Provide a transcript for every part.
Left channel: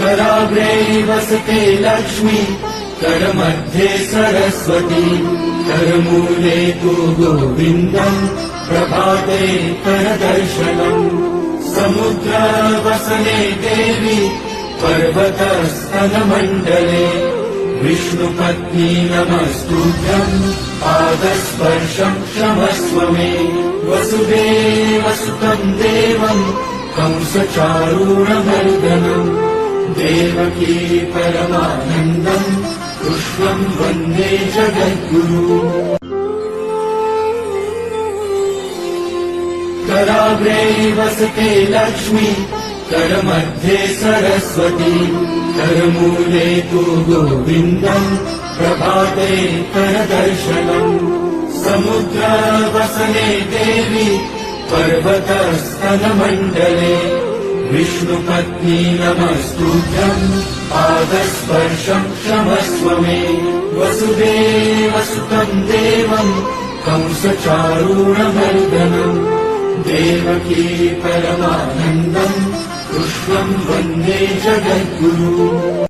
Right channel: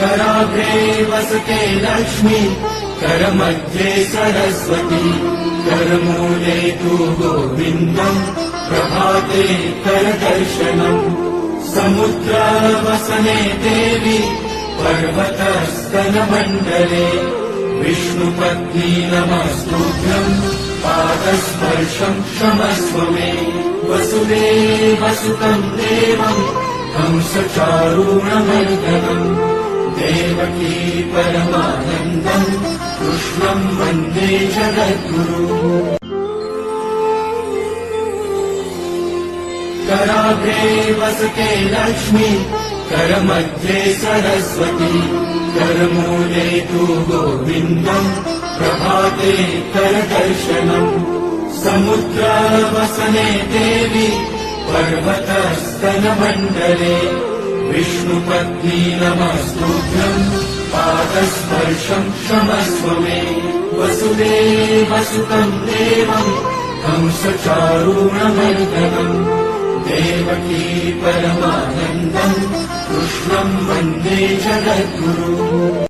कराग्रे वसते लक्ष्मी करमध्ये सरस्वती करमूले तु गोविन्दम् प्रभाते करदर्शनम् समुद्रवसने देवी पर्वतस्तनमण्डले विष्णुपत्नी नमस्तुभ्यम् पादस्पर्शम् क्षमस्व मे वसुदेवसुतम् देवम् कंसचारूणमर्दनम् देवकी परमानन्दम् कृष्णम् वन्दे जगद्गुरुम् कराग्रे वसते लक्ष्मी करमध्ये सरस्वती करमूले तु गोविन्दम् प्रभाते करदर्शनम् समुद्रवसने देवी पर्वतस्तनमण्डले विष्णुपत्नी नमस्तुभ्यम् पादस्पर्शम् क्षमस्व मे वसुदेवसुतम् देवम् कंसचारूणमर्दनम् देवकी परमानन्दम् कृष्णम् वन्दे जगद्गुरुम्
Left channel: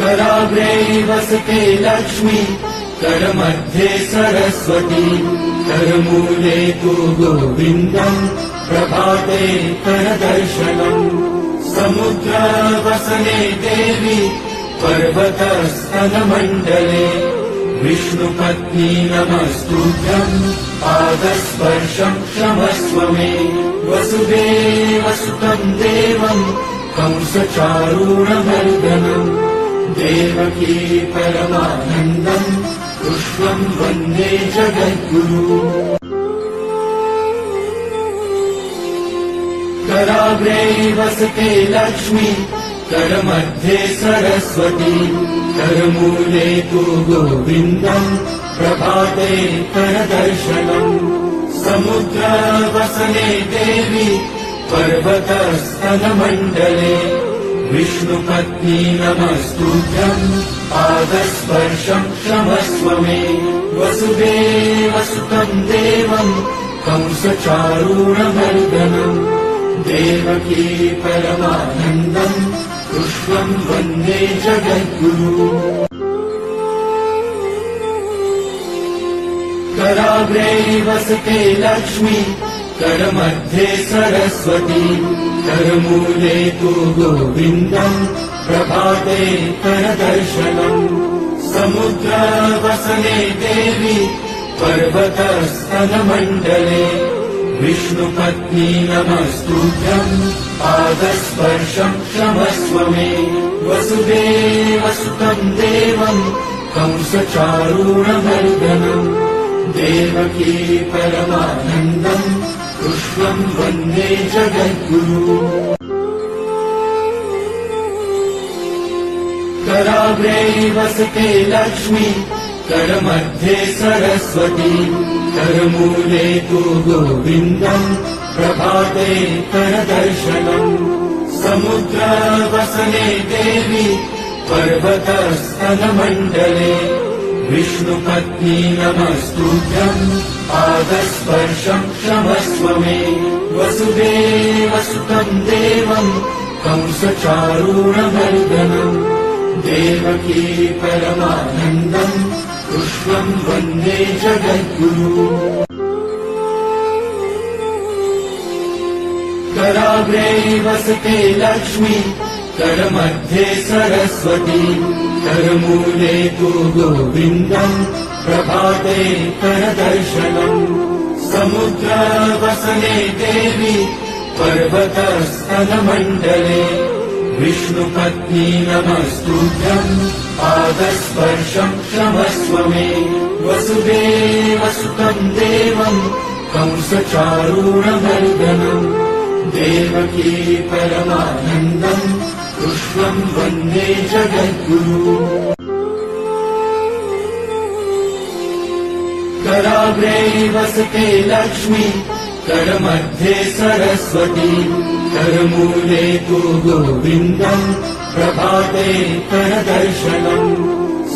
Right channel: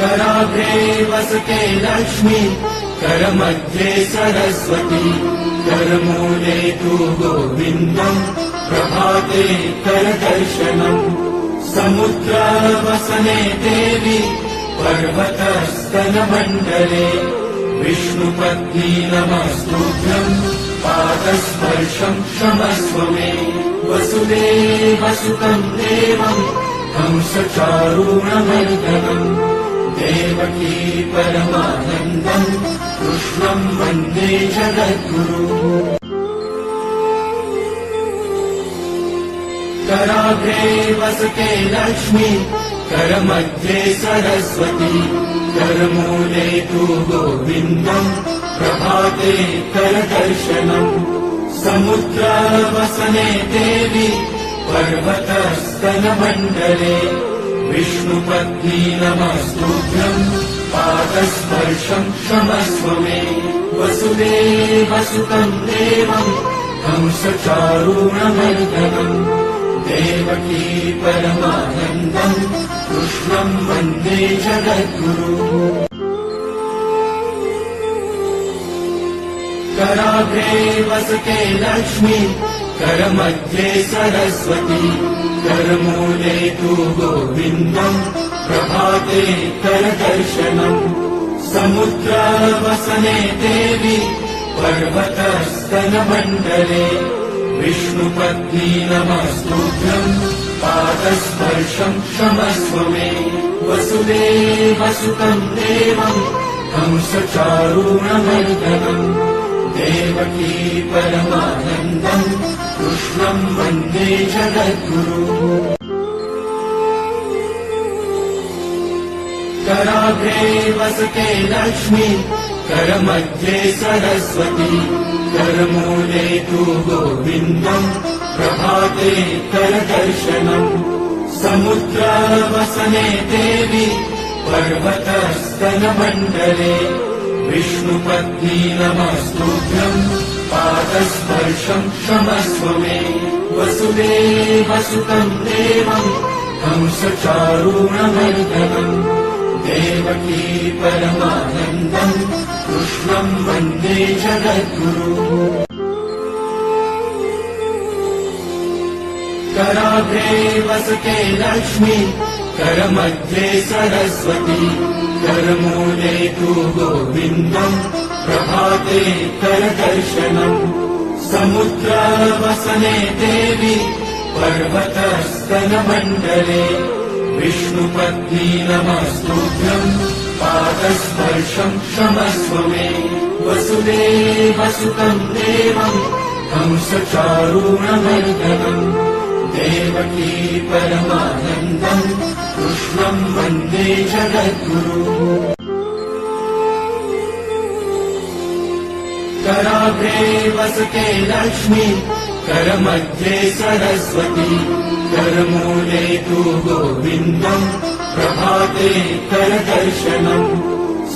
कराग्रे वसते लक्ष्मी करमध्ये सरस्वती करमूले तु गोविन्दम् प्रभाते करदर्शनम् समुद्रवसने देवी पर्वतस्तनमण्डले विष्णुपत्नी नमस्तुभ्यम् पादस्पर्शम् क्षमस्व मे वसुदेवसुतम् देवम् कंसचारूणमर्दनम् देवकी परमानन्दम् कृष्णम् वन्दे जगद्गुरुम् कराग्रे वसते लक्ष्मी करमध्ये सरस्वती करमूले तु गोविन्दम् प्रभाते करदर्शनम् समुद्रवसने देवी पर्वतस्तनमण्डले विष्णुपत्नी नमस्तुभ्यम् पादस्पर्शम् क्षमस्व मे वसुदेवसुतम् देवम् कंसचारूणमर्दनम् देवकी परमानन्दम् कृष्णम् वन्दे जगद्गुरुम् कराग्रे वसते लक्ष्मी करमध्ये सरस्वती करमूले तु गोविन्दम् प्रभाते करदर्शनम् समुद्रवसने देवी पर्वतस्तनमण्डले विष्णुपत्नी नमस्तुभ्यम् पादस्पर्शम् क्षमस्व मे वसुदेवसुतम् देवम् कंसचारूणमर्दनम् देवकी परमानन्दम् कृष्णम् वन्दे जगद्गुरुम् कराग्रे वसते लक्ष्मी करमध्ये सरस्वती करमूले तु गोविन्दम् प्रभाते करदर्शनम् समुद्रवसने देवी पर्वतस्तनमण्डले विष्णुपत्नी नमस्तुभ्यम् पादस्पर्शम् क्षमस्व मे वसुदेवसुतम् देवम् कंसचारूणमर्दनम् देवकी परमानन्दम् कृष्णम् वन्दे जगद्गुरुम् कराग्रे वसते लक्ष्मी करमध्ये सरस्वती करमूले तु गोविन्दम् प्रभाते करदर्शनम् समुद्रवसने देवी पर्वतस्तनमण्डले विष्णुपत्नी नमस्तुभ्यम् पादस्पर्शम् क्षमस्व मे वसुदेवसुतम् देवम् कंसचारूणमर्दनम् देवकी परमानन्दम् कृष्णम् वन्दे जगद्गुरुम् कराग्रे वसते लक्ष्मी करमध्ये सरस्वती करमूले तु गोविन्दम् प्रभाते करदर्शनम्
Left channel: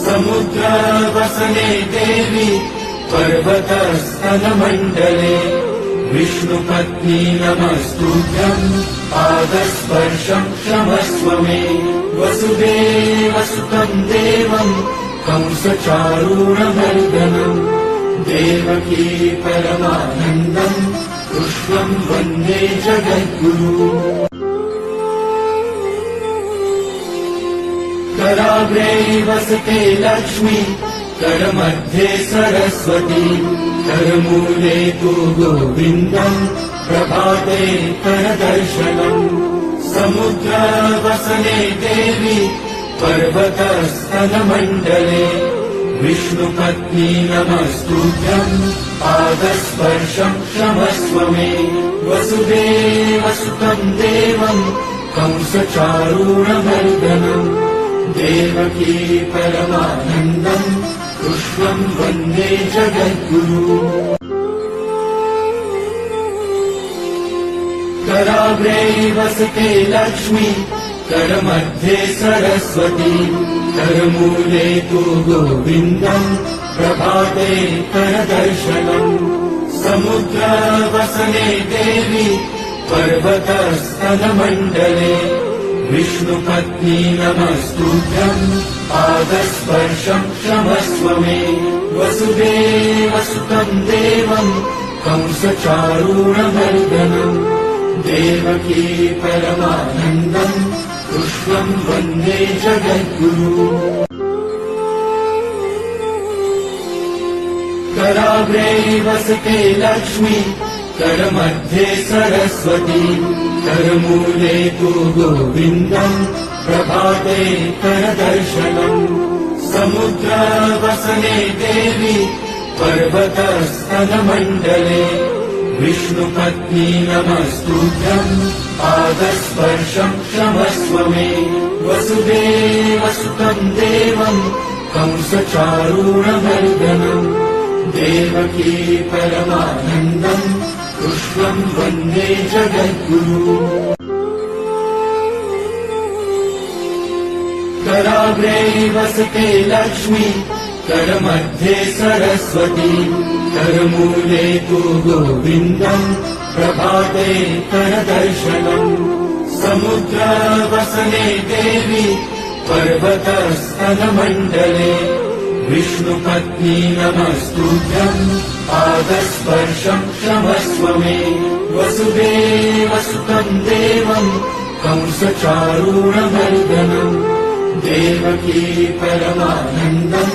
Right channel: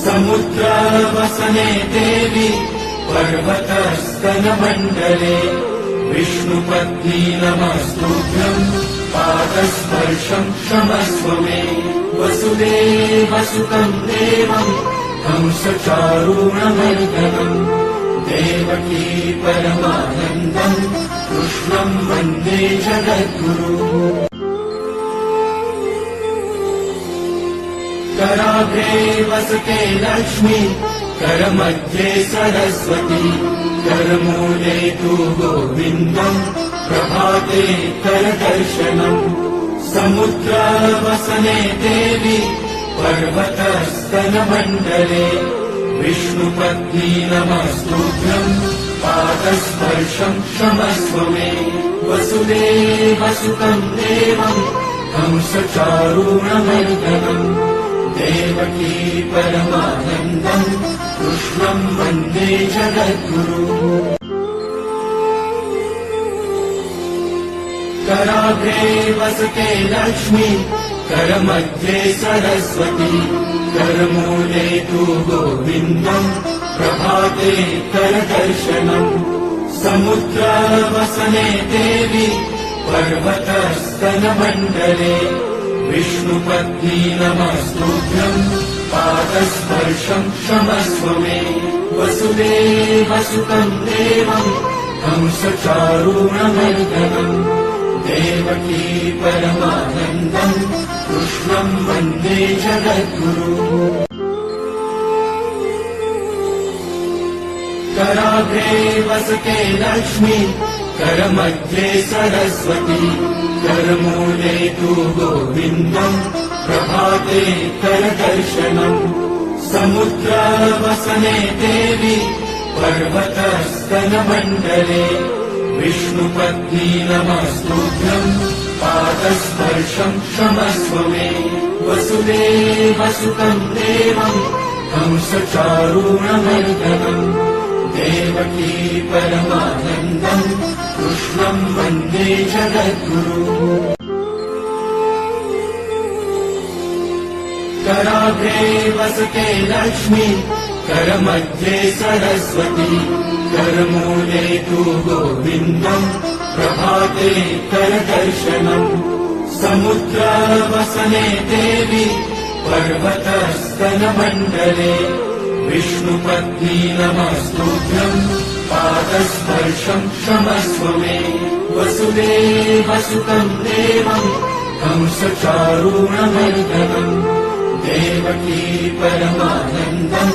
समुद्रवसने देवी पर्वतस्तनमण्डले विष्णुपत्नी नमस्तुभ्यम् पादस्पर्शम् क्षमस्व मे वसुदेवसुतम् देवम् कंसचारूणमर्दनम् देवकी परमानन्दम् कृष्णम् वन्दे जगद्गुरुम् कराग्रे वसते लक्ष्मी करमध्ये सरस्वती करमूले तु गोविन्दम् प्रभाते करदर्शनम् समुद्रवसने देवी पर्वतस्तनमण्डले विष्णुपत्नी नमस्तुभ्यम् पादस्पर्शम् क्षमस्व मे वसुदेवसुतम् देवम् कंसचारूणमर्दनम् देवकी परमानन्दम् कृष्णम् वन्दे जगद्गुरुम् कराग्रे वसते लक्ष्मी करमध्ये सरस्वती करमूले तु गोविन्दम् प्रभाते करदर्शनम् समुद्रवसने देवी पर्वतस्तनमण्डले विष्णुपत्नी नमस्तुभ्यम् पादस्पर्शम् क्षमस्व मे वसुदेवसुतम् देवम् कंसचारूणमर्दनम् देवकी परमानन्दम् कृष्णम् वन्दे जगद्गुरुम् कराग्रे वसते लक्ष्मी करमध्ये सरस्वती करमूले तु गोविन्दम् प्रभाते करदर्शनम् समुद्रवसने देवी पर्वतस्तनमण्डले विष्णुपत्नी नमस्तुभ्यम् पादस्पर्शम् क्षमस्व मे वसुदेवसुतम् देवम् कंसचारूणमर्दनम् देवकी परमानन्दम् कृष्णम् वन्दे जगद्गुरुम् कराग्रे वसते लक्ष्मी करमध्ये सरस्वती करमूले तु गोविन्दम् प्रभाते करदर्शनम् समुद्रवसने देवी पर्वतस्तनमण्डले विष्णुपत्नी नमस्तुभ्यम् पादस्पर्शम् क्षमस्व मे वसुदेवसुतम् देवम् कंसचारूणमर्दनम् देवकी परमानन्दम्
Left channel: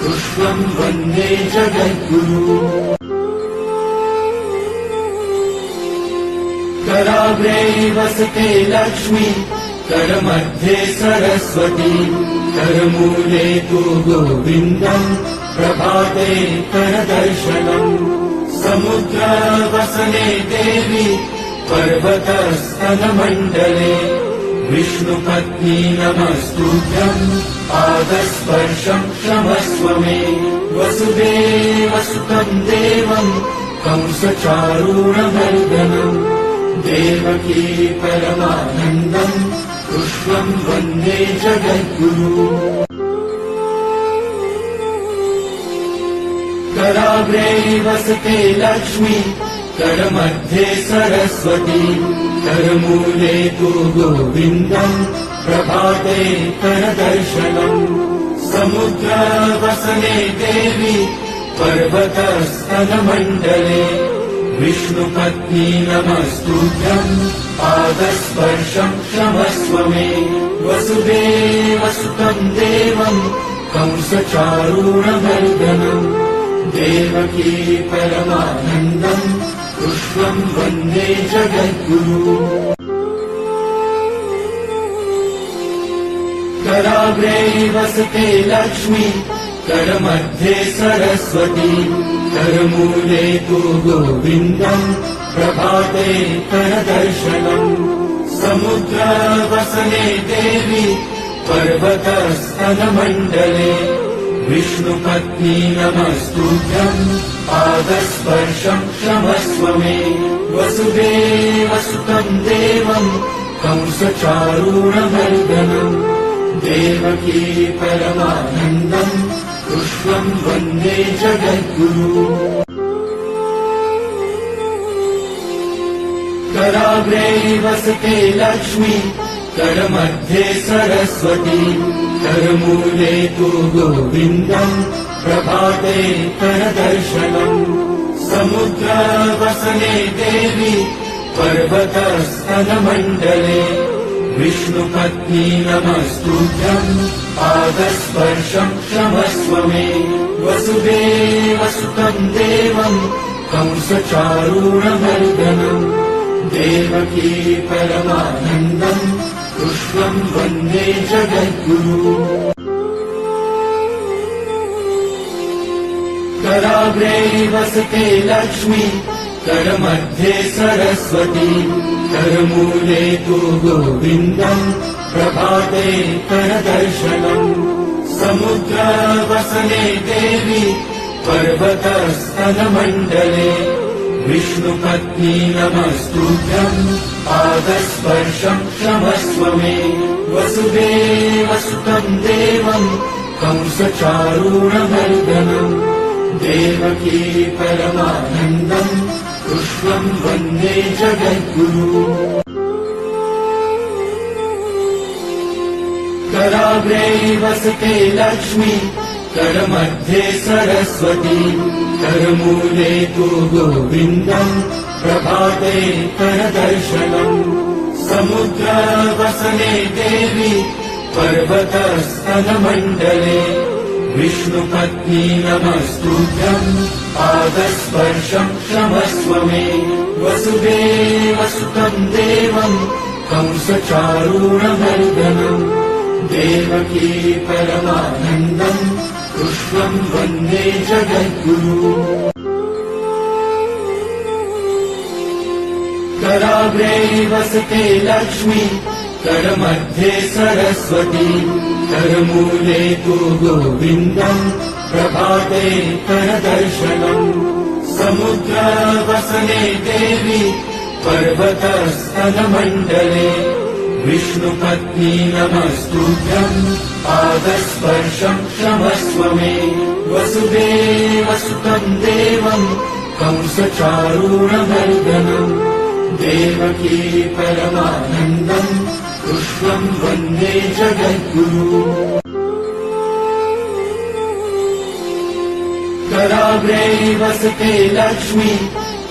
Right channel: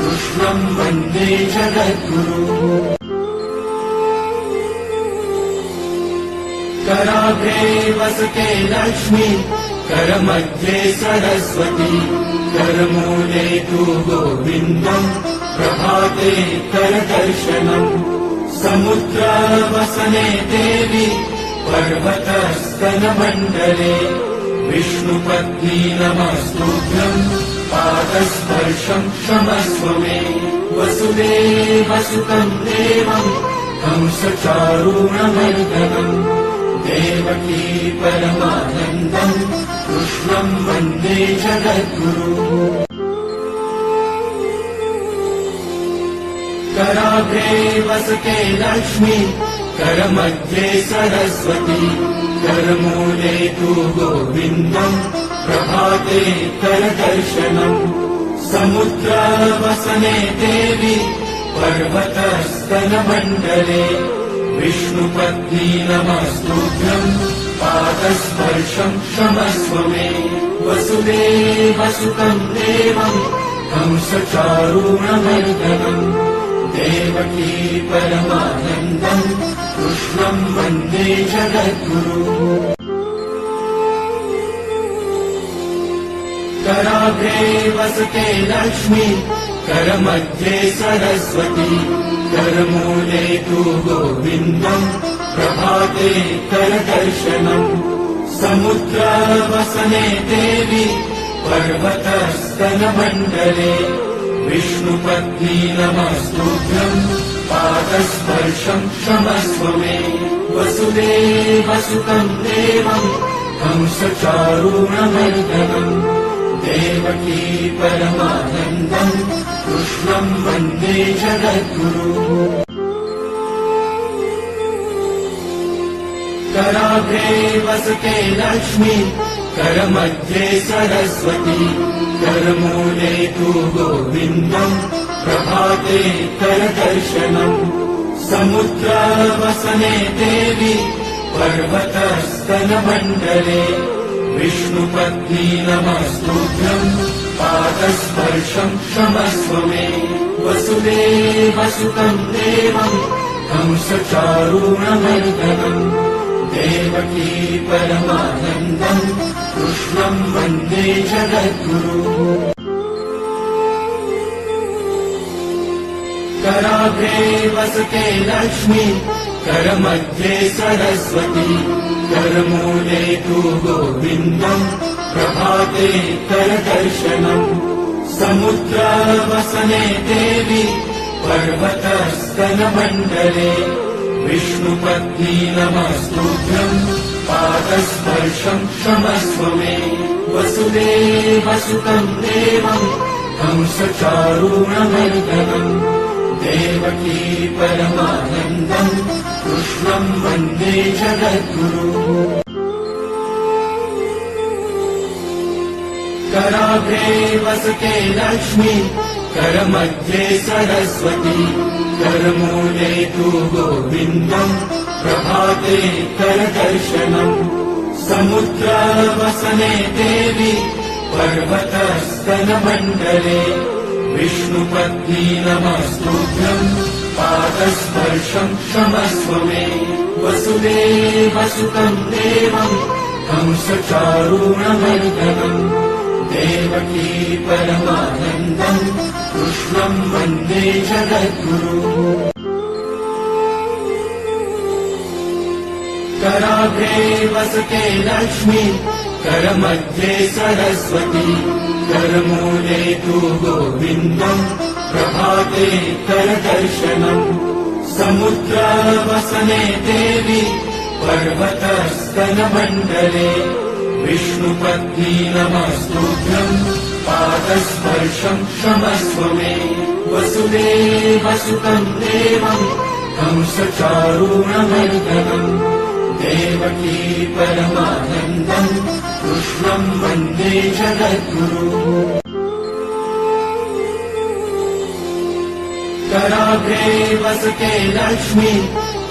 कृष्णम् वन्दे जगद्गुरुम् कराग्रे वसते लक्ष्मी करमध्ये सरस्वती करमूले तु गोविन्दम् प्रभाते करदर्शनम् समुद्रवसने देवी पर्वतस्तनमण्डले विष्णुपत्नी नमस्तुभ्यम् पादस्पर्शम् क्षमस्व मे वसुदेवसुतम् देवम् कंसचारूणमर्दनम् देवकी परमानन्दम् कृष्णम् वन्दे जगद्गुरुम् कराग्रे वसते लक्ष्मी करमध्ये सरस्वती करमूले तु गोविन्दम् प्रभाते करदर्शनम् समुद्रवसने देवी पर्वतस्तनमण्डले विष्णुपत्नी नमस्तुभ्यम् पादस्पर्शम् क्षमस्व मे वसुदेवसुतम् देवम् कंसचारूणमर्दनम् देवकी परमानन्दम् कृष्णम् वन्दे जगद्गुरुम् कराग्रे वसते लक्ष्मी करमध्ये सरस्वती करमूले तु गोविन्दम् प्रभाते करदर्शनम् समुद्रवसने देवी पर्वतस्तनमण्डले विष्णुपत्नी नमस्तुभ्यम् पादस्पर्शम् क्षमस्व मे वसुदेवसुतम् देवम् कंसचारूणमर्दनम् देवकी परमानन्दम् कृष्णम् कृष्णं वन्दे जगद्गुरु। कराग्रे वसते लक्ष्मी, करमध्ये सरस्वती, करमूले तु गोविन्दम्, प्रभाते करदर्शनम्। समुद्रवसने देवी, पर्वतस्तनमण्डले, विष्णुपत्नी नमस्तुभ्यम्, पादस्पर्शम् क्षमस्व मे। वसुदेवसुतम् देवम्, कंसचारूणमर्दनम्, देवकी परमानन्दम्, कृष्णम् वन्दे जगद्गुरु। कराग्रे वसते लक्ष्मी, करमध्ये सरस्वती, करमूले तु गोविन्दम्, प्रभाते करदर्शनम्। समुद्रवसने देवी, पर्वतस्तनमण्डले, विष्णुपत्नी नमस्तुभ्यम्, पादस्पर्शम् क्षमस्व मे। वसुदेवसुतम् देवम्, कंसचारूणमर्दनम्, देवकी परमानन्दम्, कृष्णम् वन्दे जगद्गुरु। कराग्रे वसते लक्ष्मी, करमध्ये सरस्वती, करमूले तु गोविन्दम्, प्रभाते करदर्शनम्। समुद्रवसने देवी, पर्वतस्तनमण्डले, विष्णुपत्नी नमस्तुभ्यम्, पादस्पर्शम् क्षमस्व मे। वसुदेवसुतम् देवम्, कंसचारूणमर्दनम्, देवकी परमानन्दम्, कृष्णम् वन्दे जगद्गुरु। कराग्रे वसते लक्ष्मी, करमध्ये सरस्वती, करमूले तु गोविन्दम्, प्रभाते करदर्शनम्। समुद्रवसने देवी, पर्वतस्तनमण्डले, विष्णुपत्नी नमस्तुभ्यम्, पादस्पर्शम् क्षमस्व मे। वसुदेवसुतम् देवम्, कंसचारूणमर्दनम्, देवकी परमानन्दम्, कृष्णम् वन्दे जगद्गुरु। कराग्रे वसते लक्ष्मी,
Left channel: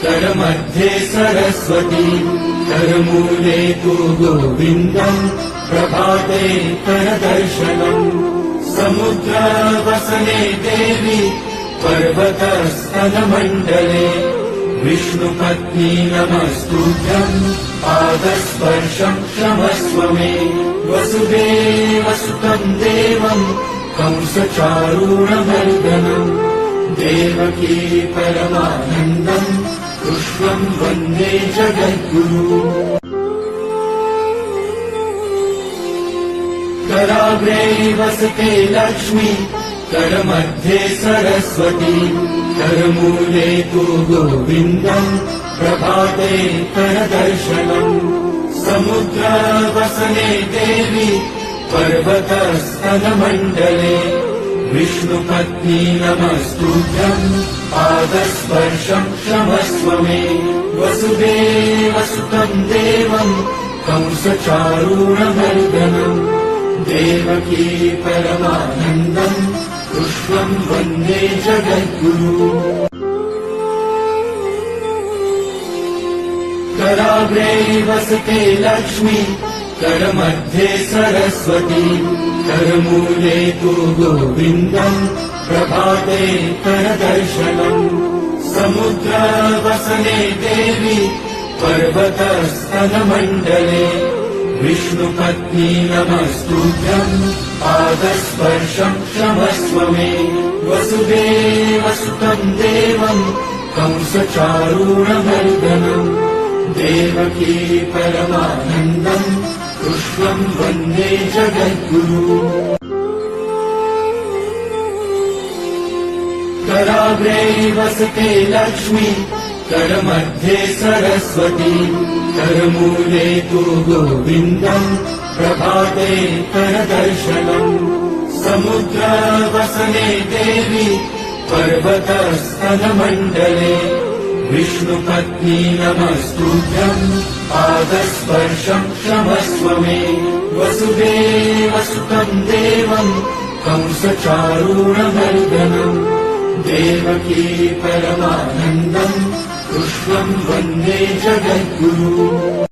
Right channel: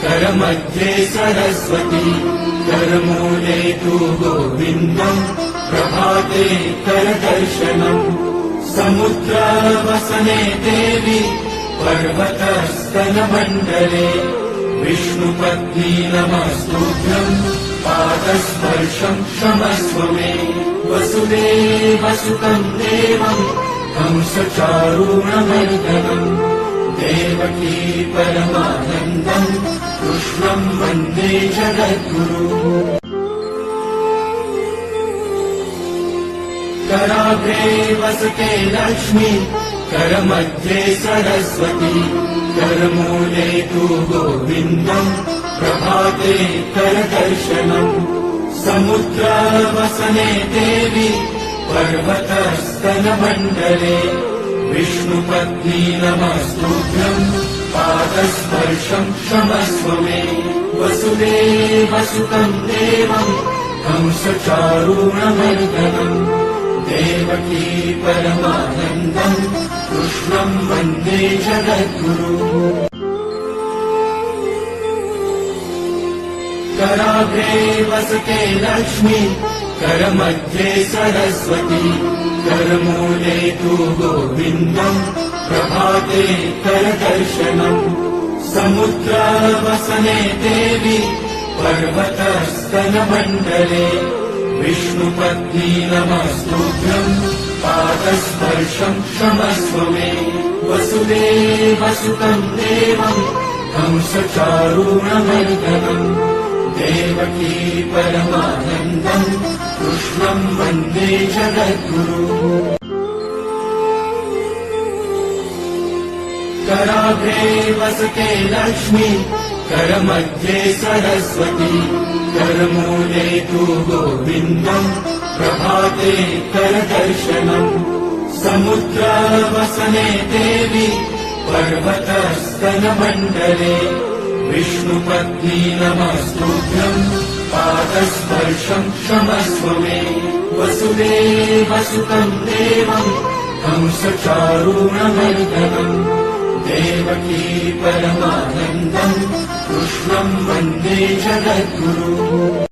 करमध्ये सरस्वती, करमूले तु गोविन्दम्, प्रभाते करदर्शनम्। समुद्रवसने देवी, पर्वतस्तनमण्डले, विष्णुपत्नी नमस्तुभ्यम्, पादस्पर्शम् क्षमस्व मे। वसुदेवसुतम् देवम्, कंसचारूणमर्दनम्, देवकी परमानन्दम्, कृष्णम् वन्दे जगद्गुरु। कराग्रे वसते लक्ष्मी, करमध्ये सरस्वती, करमूले तु गोविन्दम्, प्रभाते करदर्शनम्। समुद्रवसने देवी, पर्वतस्तनमण्डले, विष्णुपत्नी नमस्तुभ्यम्, पादस्पर्शम् क्षमस्व मे। वसुदेवसुतम् देवम्, कंसचारूणमर्दनम्, देवकी परमानन्दम्, कृष्णम् वन्दे जगद्गुरु। कराग्रे वसते लक्ष्मी, करमध्ये सरस्वती, करमूले तु गोविन्दम्, प्रभाते करदर्शनम्। समुद्रवसने देवी, पर्वतस्तनमण्डले, विष्णुपत्नी नमस्तुभ्यम्, पादस्पर्शम् क्षमस्व मे। वसुदेवसुतम् देवम्, कंसचारूणमर्दनम्, देवकी परमानन्दम्, कृष्णम् वन्दे जगद्गुरु। कराग्रे वसते लक्ष्मी, करमध्ये सरस्वती, करमूले तु गोविन्दम्, प्रभाते करदर्शनम्। समुद्रवसने देवी पर्वतस्तनमण्डले विष्णुपत्नी नमस्तुभ्यम् पादस्पर्शम् क्षमस्व मे वसुदेवसुतम् देवम् कंसचारूणमर्दनम् देवकी परमानन्दम् कृष्णम् वन्दे जगद्गुरुम्।